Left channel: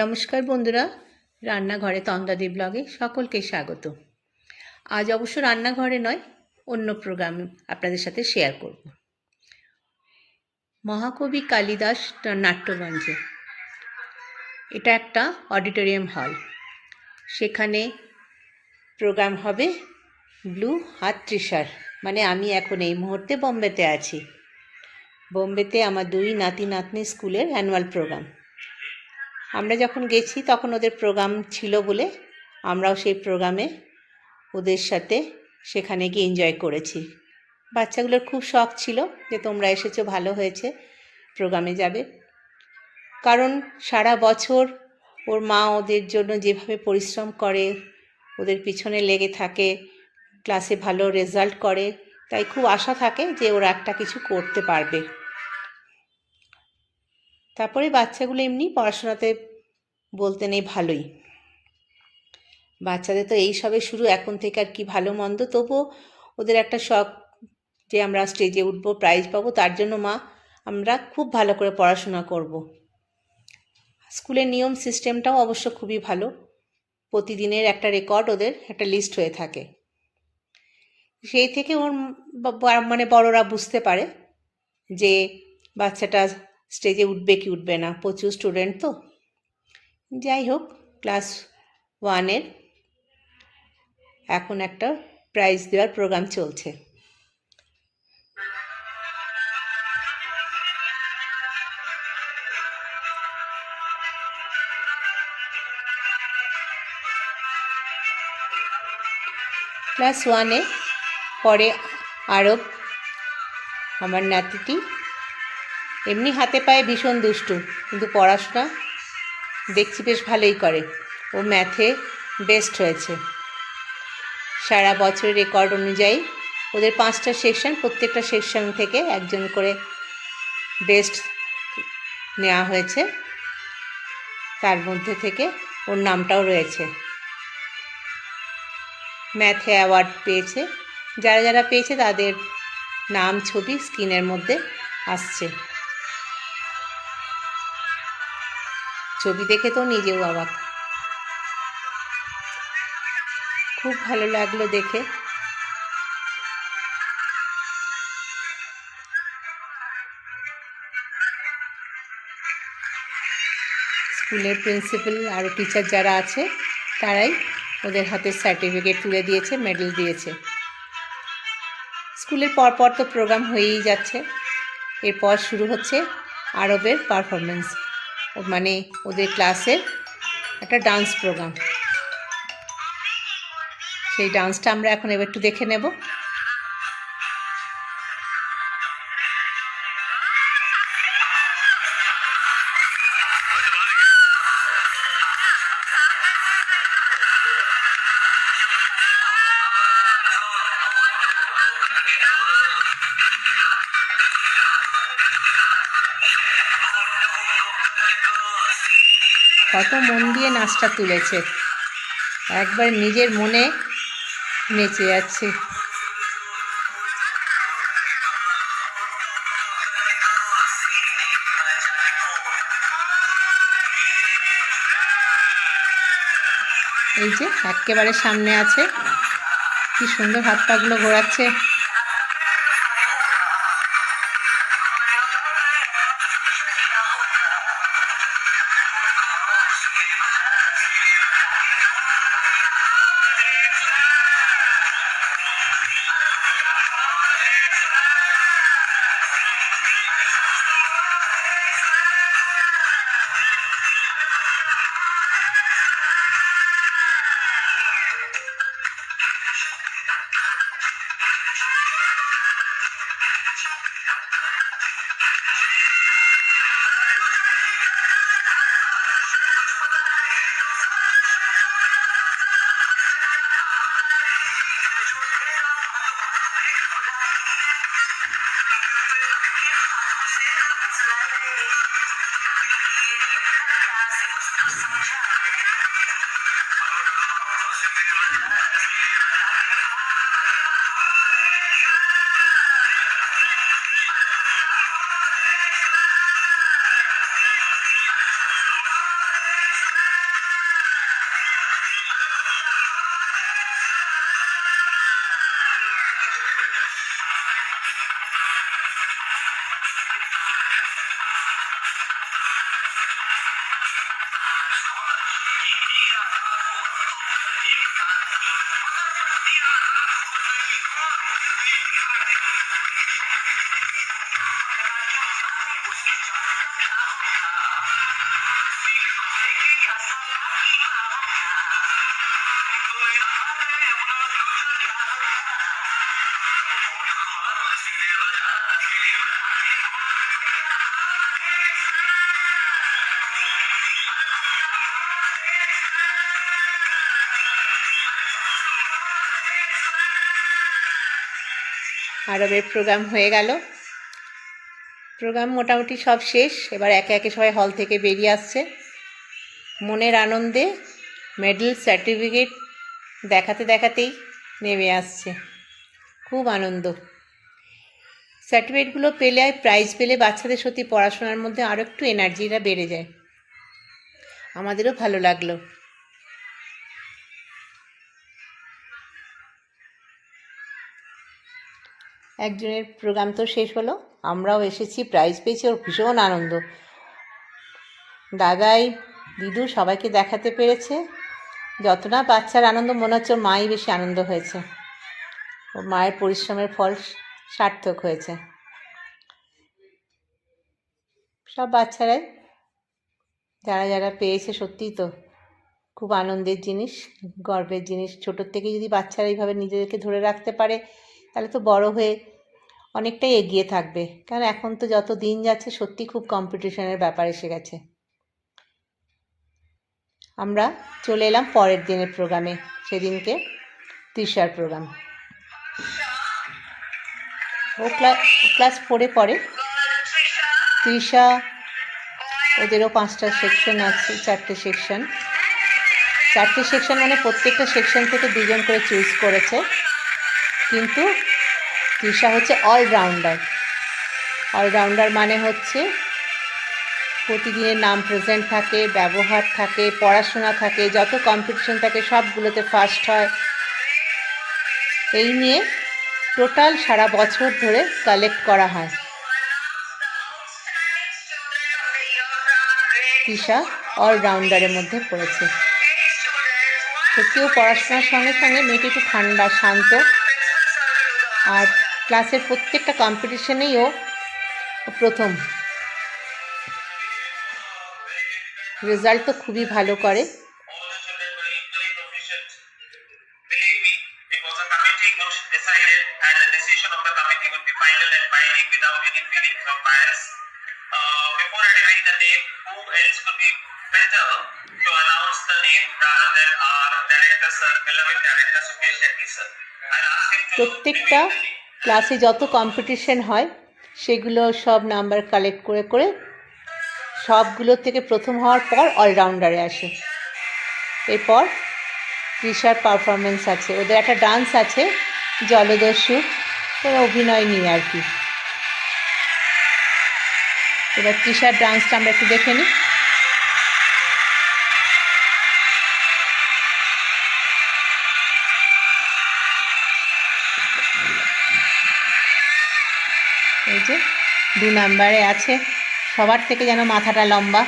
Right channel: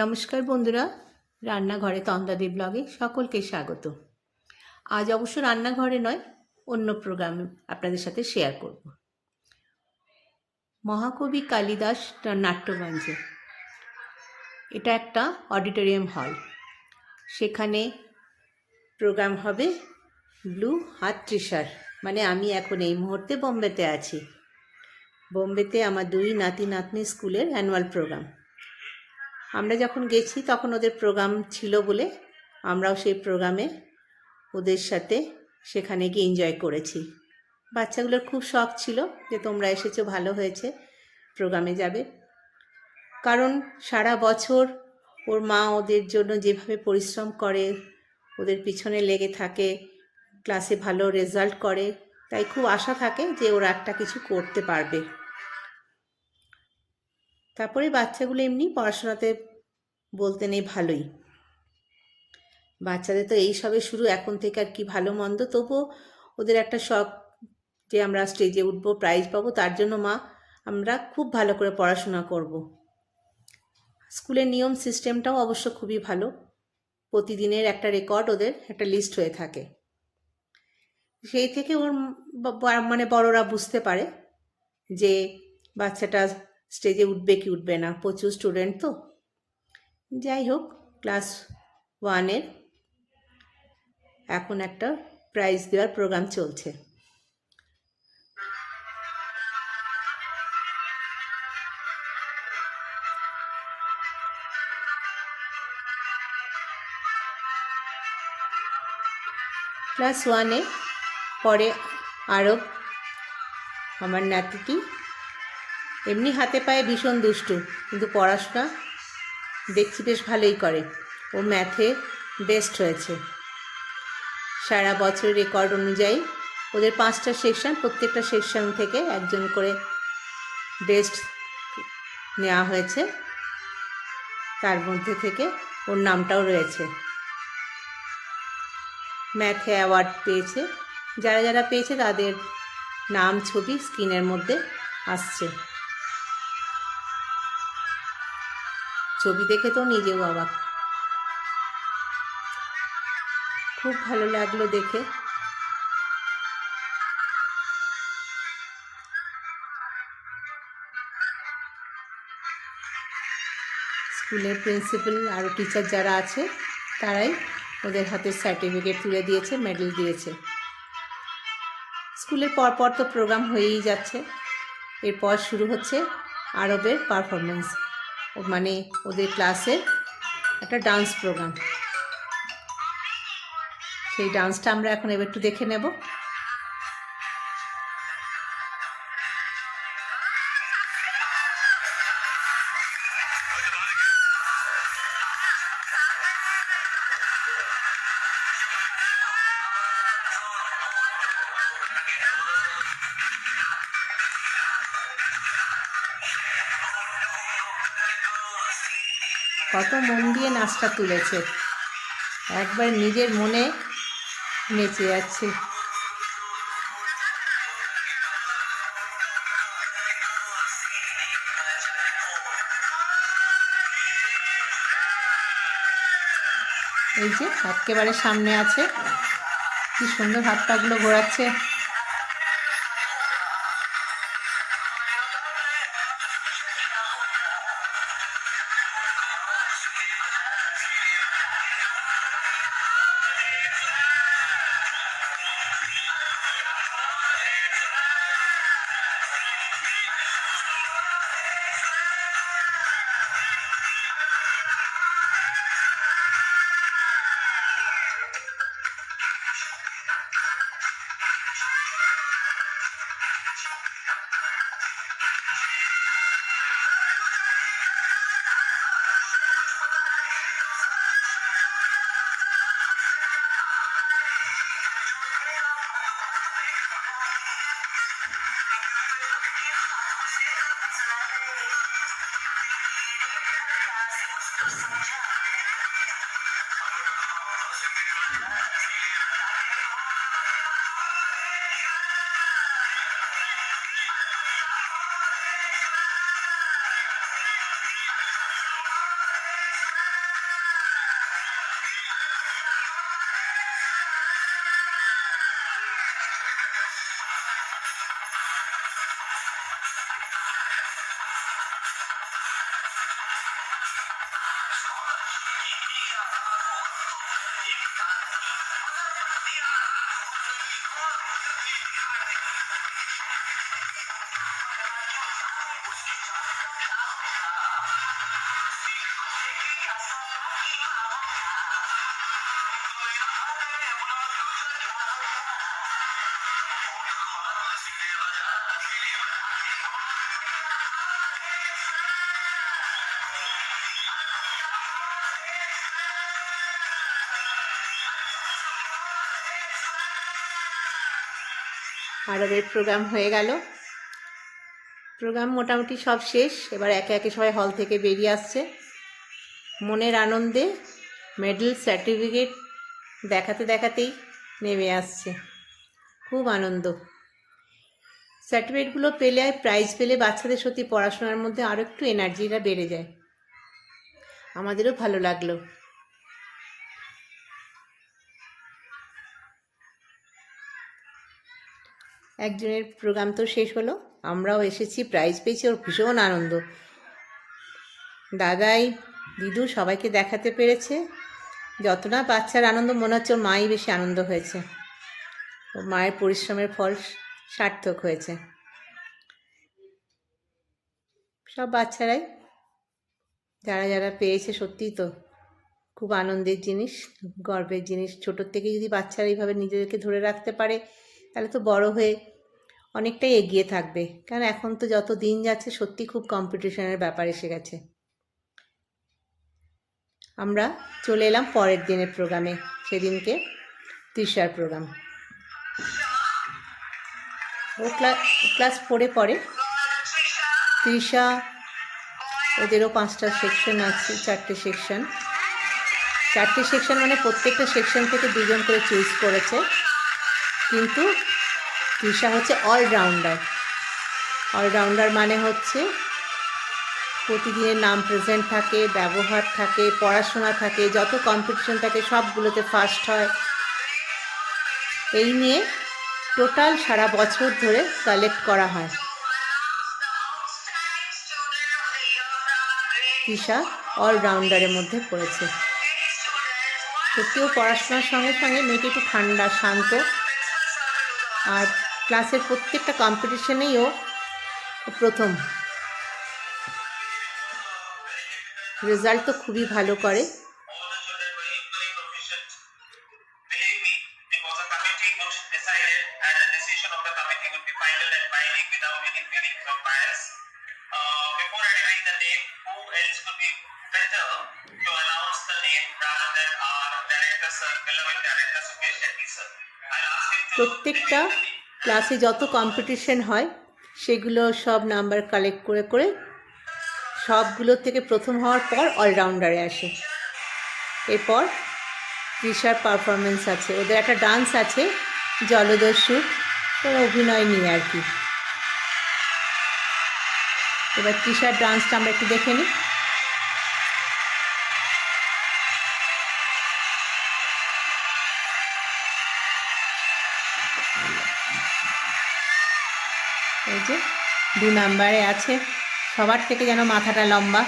নমস্কার বন্ধুরা, রান্নাঘরে তন্দাদি ব্লগে সকলকে স্বাগত। আজ অবশ্য রান্নাঘরে নয়, অন্য প্রোগ্রামে আপনাদের সাথে শেয়ার করব। মহাকবি কালিদাস নাট্যমঞ্চ, এটা একটা অডিটোরিয়াম হল। সেখানে প্রোগ্রাম হবে ব্লু হাত ত্রিশার, মানে আমি এখন এই মুহূর্তে বোম্বেতে আছি। বোম্বেতে আমার দুই নাতি নাতনি স্কুলের অ্যানুয়াল প্রোগ্রাম। আমরা যখন গেছি তখন ওদের প্রোগ্রাম ছিল বলে আমরাও সেই প্রোগ্রামে ওদের সাথে সেখানে গিয়ে এনজয় করেছি। বাচ্চাগুলোর খুব শখ ছিল যে তোমরা এসেছো, ভালো হয়েছে, প্রোগ্রামে যাবে। কারণ সারা বছর ওর মা ওদের জন্য যেভাবে পরিশ্রম করে, ওদের পিছনে লেগে থাকে, ক্লাসে ভালো রেজাল্ট করে, তাই খুব আশা থাকে যে ওরা একটা কিছু করতে পারবে। তারপরে বাচ্চাগুলো এমনি পড়াশোনাতে বলতে নেই, ভালোই। বাচ্চাদের তো এই সবে শুরু, এখন থেকে আর কি ভালো মন্দ, তবুও ওদের একটা শখ যে আমরা স্টেজে উঠবো, প্রাইজ পাবো, তার জন্য মা আমরা খুব ভালো করে পড়াশোনা করব। স্কুলের নিয়ম সিস্টেমটাও অবশ্য খুবই ভালো। প্রতিদিনের একটা রেকর্ড, ওদের একটা লিস্ট হয়ে থাকে। সেই থেকে ওর মানে বড়রা বুঝতে পারে যে বাচ্চাটা স্টেজে উঠবে কি উঠবে না। প্রচুর স্টুডেন্ট তো। যাই হোক, ক্লাস 1-এর এখন একটা প্রাইজ দেওয়ার প্রোগ্রাম চলছে। ক্লাস 1-এ পড়ে আরব, আমার নাতিটি। এমনি হাতে পায়ে ভীষণ দুষ্টু, কিন্তু পড়াশোনা দেখছি বেশ ভালোই করে। ও ম্যাথে বেস্ট হয়েছে। সারা বছরের রেকর্ড অনুযায়ী ওদের 5টা সেকশন, প্রত্যেকটা সেকশন থেকে একজন করে বেস্ট নেওয়া হয়েছে। তার মধ্যে থেকে ওর নামটাও রয়েছে। ম্যাথে অ্যাওয়ার্ড পেয়েছে। যারা যারা পেয়েছে তাদের নাম, ছবি স্ক্রিনের মধ্যে আসছে। ছবি দেখে তো নিজেও অবাক। খুব ভালো লাগলো দেখে। স্কুলের প্রিন্সিপাল আরও টিচার যারা আছে তারাই ওদের হাতে সার্টিফিকেট তুলে দিয়েছে, মেডেল দিয়েছে। স্কুলের পরপর তো প্রোগ্রাম হয়েই যাচ্ছে। এরপর শুরু হচ্ছে আরবের পারফরমেন্স, মানে ওদের ক্লাসের একটা ডান্স প্রোগ্রাম। সেই ডান্সটা আমরা এখন এবার একটু দেখে নেব। কত মন দিয়ে নাচটা তুলেছে, একবার নিজের মনে নেচে যাচ্ছে। এই যে একেবারে সামনে আছে, কি সুন্দর হাত পাগুলো ঘোরাচ্ছে। আরবের প্রোগ্রাম হয়ে গেল। প্রোগ্রাম মোটামুটি সব শেষ। এবার একে একে সবাই হল থেকে বেরিয়ে আসছে। মনের আনন্দে মেডেল সার্টিফিকেট দেখাতে দেখাতেই নেমে আসছে। খুব আনন্দ। সার্টিফিকেটগুলো পেলে, প্রাইজ পেলে বাচ্চাদের সত্যি পড়াশোনার মধ্যে আরও একটু এনার্জিটা বেড়ে যায়। আমাদেরও ভালো লাগলো। একজনের প্রোগ্রাম তো শেষ হলো, আমরাও এসেছি, প্রাইজ পেয়েছি, ওর ভীষণ আনন্দ। দাদাই দিদু সবাইকে দেখাতে পেরেছে। যত না বাচ্চার আনন্দ, মনে হচ্ছে ওর মাই বেশি আনন্দ হয়েছে। ওর মায়ের পরিশ্রমের ফল সার্থক হয়েছে। সব বাচ্চারাই যারা যারা পেয়েছে, সত্যিই তো খুব আনন্দের জিনিস, গর্বের জিনিস। ছোটোর থেকে যদি বাচ্চারা এইভাবে নিজেদেরকে ধরে রাখতে পারে, তাহলে তো বড় হয়ে অনেকটাই এগিয়ে থাকবে। কারণ এখন তো যত দিন যাচ্ছে সত্যি খুব কম্পিটিশনের ব্যাপার এসে গেছে। আমরা চলে এলাম পরের দিনের প্রোগ্রামে। সেদিনকে তৃষার প্রোগ্রাম। ও ক্লাস 4-এ পড়ে। তৃষা, ওদেরও 5টা সেকশন আছে, 4টে সেকশন। 4টে সেকশন মানে প্রত্যেকটা সেকশন থেকে 2 জন করে চুজ করেছে। কিন্তু তৃষা হচ্ছে অলরাউন্ডার। অলরাউন্ডার মানে হচ্ছে প্রতিদিনের নাম প্রেজেন্ট থাকে, ব্যবহার থাকে, পড়াশোনা থাকে, যত কম্পিটিশন থাকে সবগুলোতে ফার্স্ট হয়। এই নিয়ে টোটাল সারা বছর ধরে কালেক্ট করা হয়। তৃষা অলরাউন্ডারের মধ্যে পড়েছে। সত্যিও পড়াশোনার সঙ্গে সঙ্গে মেয়েটি একটু ঠান্ডা, শান্ত, আর ক্লাসের প্রত্যেকটা কম্পিটিশনেই ও প্রথম। রেজাল্ট তো খুবই ভালো করে। প্রত্যেকটা ক্লাসে যত কম্পিটিশন হয় সেগুলো সব নাম্বার কালেক্ট করে করে সবগুলোর থেকে প্রথম হওয়ার পর অলরাউন্ডারে আসে। এরপর তৃষার পারফরমেন্স আছে, ওদের একটা ডান্স আছে জলদস্যু, ওর অভিনয় নিয়ে আর কি। এবার তৃষার ডান্সটা আমরা একটু দেখে নিই। এই যে 2 নাম্বারে আছে, সবার থেকে যেন মাথাটা লম্বা।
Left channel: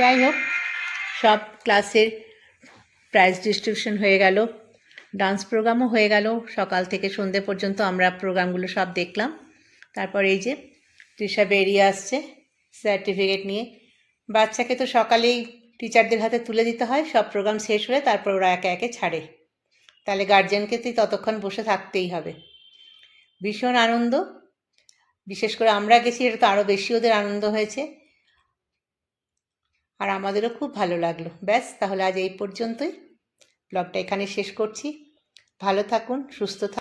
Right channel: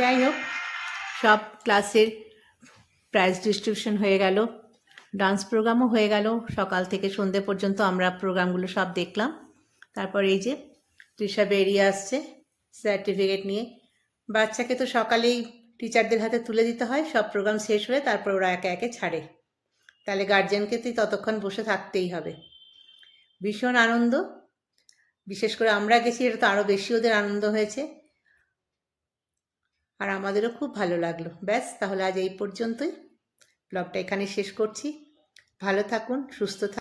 যাই হোক, সব ক্লাসের প্রাইজ ডিস্ট্রিবিউশন হয়ে গেল, ডান্স প্রোগ্রামও হয়ে গেল। সকাল থেকে সন্ধে পর্যন্ত আমরা প্রোগ্রামগুলো সব দেখলাম। তারপর এই যে তৃষা বেরিয়ে আসছে সার্টিফিকেট নিয়ে। বাচ্চাকে তো সকালেই টিচারদের হাতে তুলে দিতে হয়, সব প্রোগ্রাম শেষ হলে তারপর ওরা একে একে ছাড়ে। তাহলে গার্জেনকে তো ততক্ষণ বসে থাকতেই হবে। ভীষণ আনন্দ, বিশেষ করে আমরা গেছি, এটা তো আরও বেশি ওদের আনন্দ হয়েছে, আর আমাদেরও খুব ভালো লাগলো। ব্যাস, তাহলে আজ এই পর্যন্তই, ব্লগটা এখানে শেষ করছি। ভালো থাকুন, সুস্থ থাকুন।